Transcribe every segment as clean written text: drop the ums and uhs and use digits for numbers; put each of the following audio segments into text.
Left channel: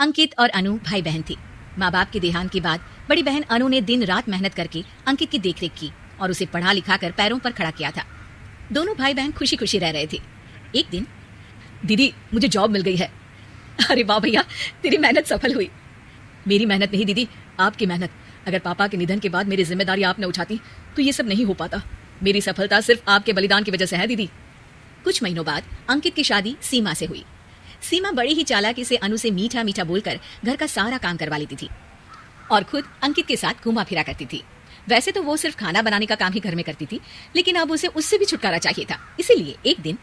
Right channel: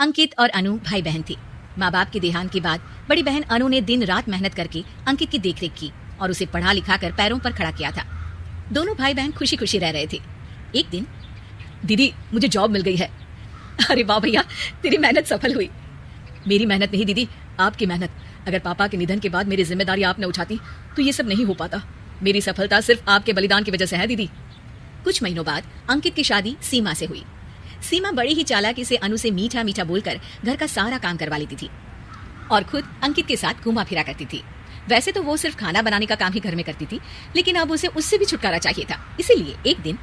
अंकित और अनु भाई बहन थी। माँ बाप के देहांत के बाद बड़ी बहन अनु ने दिन रात मेहनत करके अंकित की देखरेख की और उसे पढ़ा लिखा कर पैरों पर खड़ा किया था। दोनों भाई बहन खुशी खुशी रह रहे थे। एक दिन, दीदी मुझे जॉब मिल गई है। अरे वाह भैया, तेरी मेहनत सफल हुई। मेरी मेहनत नहीं दीदी, आपकी मेहनत। अगर पापा के निधन के बाद मेरी जिम्मेदारी आपने उठाती तो ये सब नहीं हो पाता। मेरी सफलता सिर्फ आपके बलिदान की वजह से है दीदी। कुछ महीनों बाद अंकित की शादी सीमा से हुई। सीमा बड़ी ही चालाकी से अनु से मीठा मीठा बोलकर घर का सारा काम करवा लेती थी और खुद अंकित के साथ घूमा फिरा करती थी। वैसे तो वो सिर्फ खाना बनाने का काम ही घर में करती थी, लेकिन अब उसे उससे भी छुटकारा चाहिए था। इसीलिए एक दिन,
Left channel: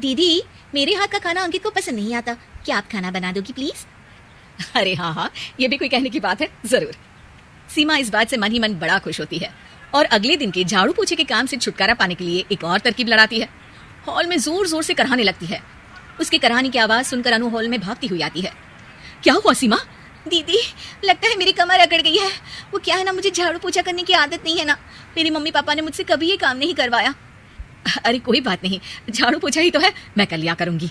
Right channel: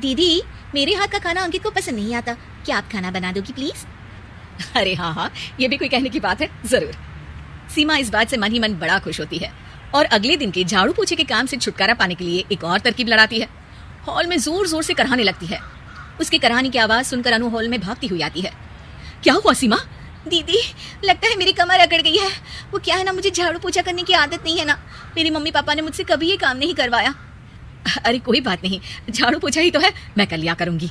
दीदी मेरे हाथ का खाना अंकित को पसंद नहीं आता, क्या आप खाना बना दोगी प्लीज? अरे हाँ, ये भी कोई कहने की बात है, जरूर। सीमा इस बात से मन ही मन बड़ा खुश होती है और अगले दिन के झाड़ू पोछे के काम से छुटकारा पाने के लिए एक और तरकीब लड़ाती है। हॉल में जोर जोर से कराहने लगती है। उसके कराहने की आवाज सुनकर अनु हॉल में भागती हुई आती है। क्या हुआ सीमा? दीदी लगता है मेरी कमर अकड़ गई है। वो क्या है ना, मुझे झाड़ू पोछा करने की आदत नहीं है ना। मेरे मम्मी पापा ने मुझसे कभी ये काम नहीं करवाया। अरे कोई बात नहीं, झाड़ू पोछा ही तो है, मैं कर लिया करूंगी।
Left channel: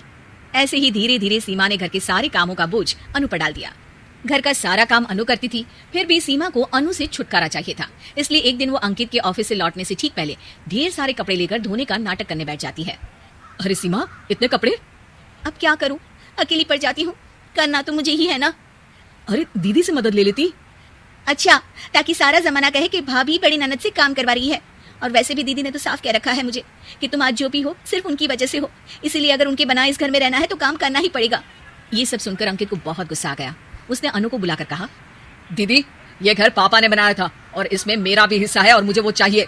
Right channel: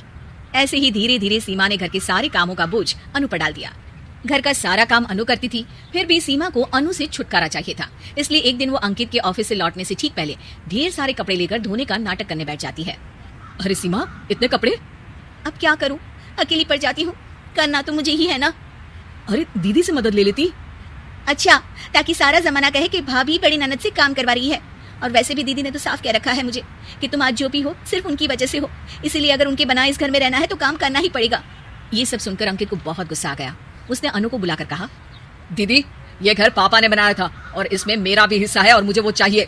ऐसे ही धीरे धीरे सीमा ने घर के सारे कामों का बोझ अनु पर डाल दिया। घर का सारा काम अनु करती थी, फिर भी सीमा को अनु से छुटकारा चाहिए था। इसलिए एक दिन वो अंकित के ऑफिस से लौटने से ठीक पहले ढेर सारे कपड़े लेकर धोने का नाटक करने बैठ जाती है। अरे सीमा, इतने कपड़े? अब क्या करूं, अकेली पड़ जाती हूँ, करना तो मुझे ही है ना। अरे दीदी से मदद ले लेती। अच्छा, ताकि सारा जमाना कहे कि भाभी बड़ी ननद से काम करवा रही है। और वैसे भी दीदी ने तो साफ कह रखा है मुझे कि तुम आज जो भी हो सिर्फ उनकी वजह से हो, इसलिए अगर उनके बनाए इस घर में रहना है तो काम करना ही पड़ेगा। ये सब सुनकर अंकित को बहुत गुस्सा आ गया। उसने अनु को बुलाकर कहा, दीदी ये घर पापा ने बनाया था और इसमें मेरा भी हिस्सा है और मुझे वो चाहिए।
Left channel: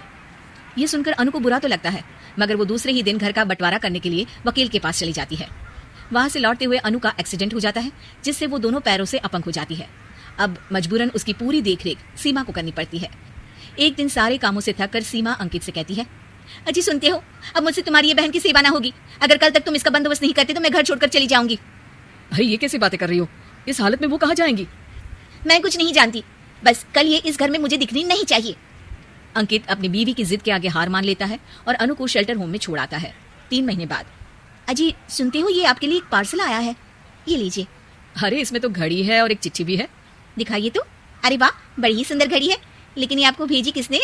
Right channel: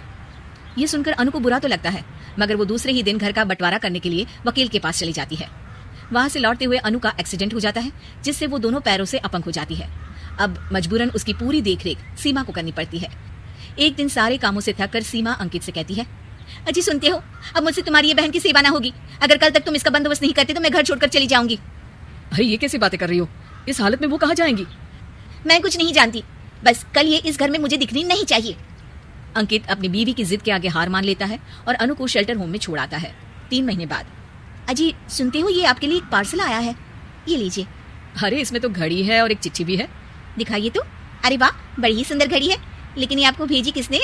ये सुनकर अनु को बुरा तो लगता है, मगर वो दूसरे ही दिन घर का बंटवारा करने के लिए वकील के पास चली जाती है। वहां से लौटते हुए अनु का एक्सीडेंट हो जाता है, जिससे वो दोनों पैरों से अपंग हो जाती है। अब मजबूरन उसकी पूरी देखरेख सीमा को करनी पड़ती है। एक दिन सारे कामों से थक कर सीमा अंकित से कहती है, अजी सुनते हो, अब मुझसे तुम्हारी ये बहन की सेवा ना होगी। अगर कल तक तुम इसका बंदोबस्त नहीं करते तो मैं घर छोड़कर चली जाऊंगी। अरे ये कैसी बातें कर रही हो, इस हालत में वो कहाँ जाएंगी? मैं कुछ नहीं जानती, बस कल ये इस घर में मुझे दिखनी नहीं चाहिए। अंकित अपनी बीवी की जिद के आगे हार मान लेता है और अनु को शेल्टर होम में छोड़ आता है। 3 महीने बाद, अजी सुनते हो, ये आपके लिए एक पार्सल आया है, ये लीजिए। अरे इसमें तो घड़ी है और एक चिट्ठी भी है। दिखाइए तो। अरे वाह, बड़ी ही सुंदर घड़ी है, लेकिन ये आपको भेजी किसने?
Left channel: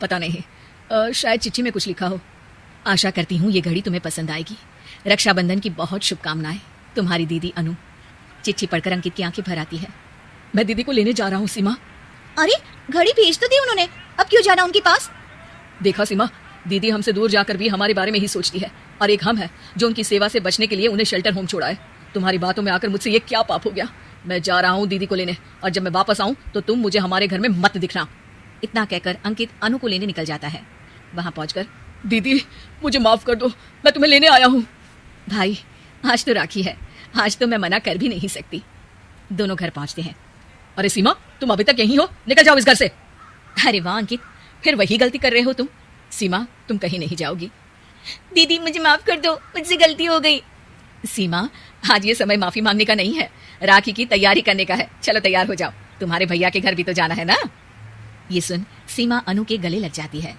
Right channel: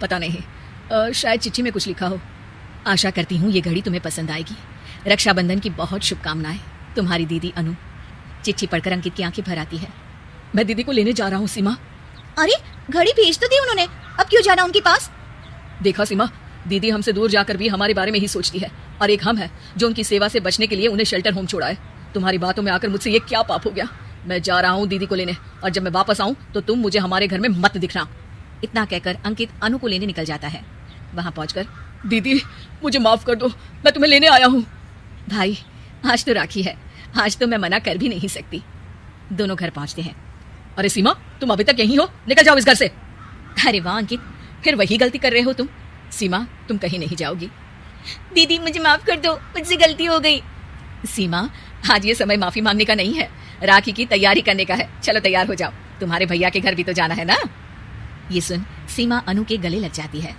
पता नहीं, शायद चिट्ठी में कुछ लिखा हो। आशा करती हूँ ये घड़ी तुम्हें पसंद आएगी। रक्षाबंधन की बहुत शुभकामनाएं, तुम्हारी दीदी अनु। चिट्ठी पढ़कर अंकित की आंखें भर आती है। मैं दीदी को लेने जा रहा हूँ सीमा। अरे घड़ी भेज तो दी उन्होंने, अब क्यों जाना उनके पास? देखा सीमा, दीदी हमसे दूर जाकर भी हमारे बारे में ही सोचती है और एक हम है जो उनकी सेवा से बचने के लिए उन्हें शेल्टर होम छोड़ा है। तुम्हारी बातों में आकर मुझसे ये क्या पाप हो गया? मैं जा रहा हूँ दीदी को लेने, और जब मैं वापस आऊँ तो तुम मुझे हमारे घर में मत दिखना। इतना कहकर अंकित अनु को लेने निकल जाता है। वहां पहुंचकर, दीदी मुझे माफ कर दो, मैं तुम्हें लेने आया हूँ। भाई आज तो राखी है, आज तो मैं मना कर भी नहीं सकती। दोनों घर पहुंचते हैं। अरे सीमा, तुम अभी तक यहीं हो? निकल जाओ इस घर से। अरे वाह अंकित, फिर वही गलती कर रहे हो तुम। सीमा तुम कहीं नहीं जाओगी। दीदी मुझे माफ कर दो, मुझसे गलती हो गई। सीमा आज ये समय माफी मांगने का नहीं है, राखी की तैयारी करने का है। चलो तैयार हो जाओ, तुम्हारे भैया के घर भी तो जाना है ना। ये सुन सीमा अनु के गले लग जाती है।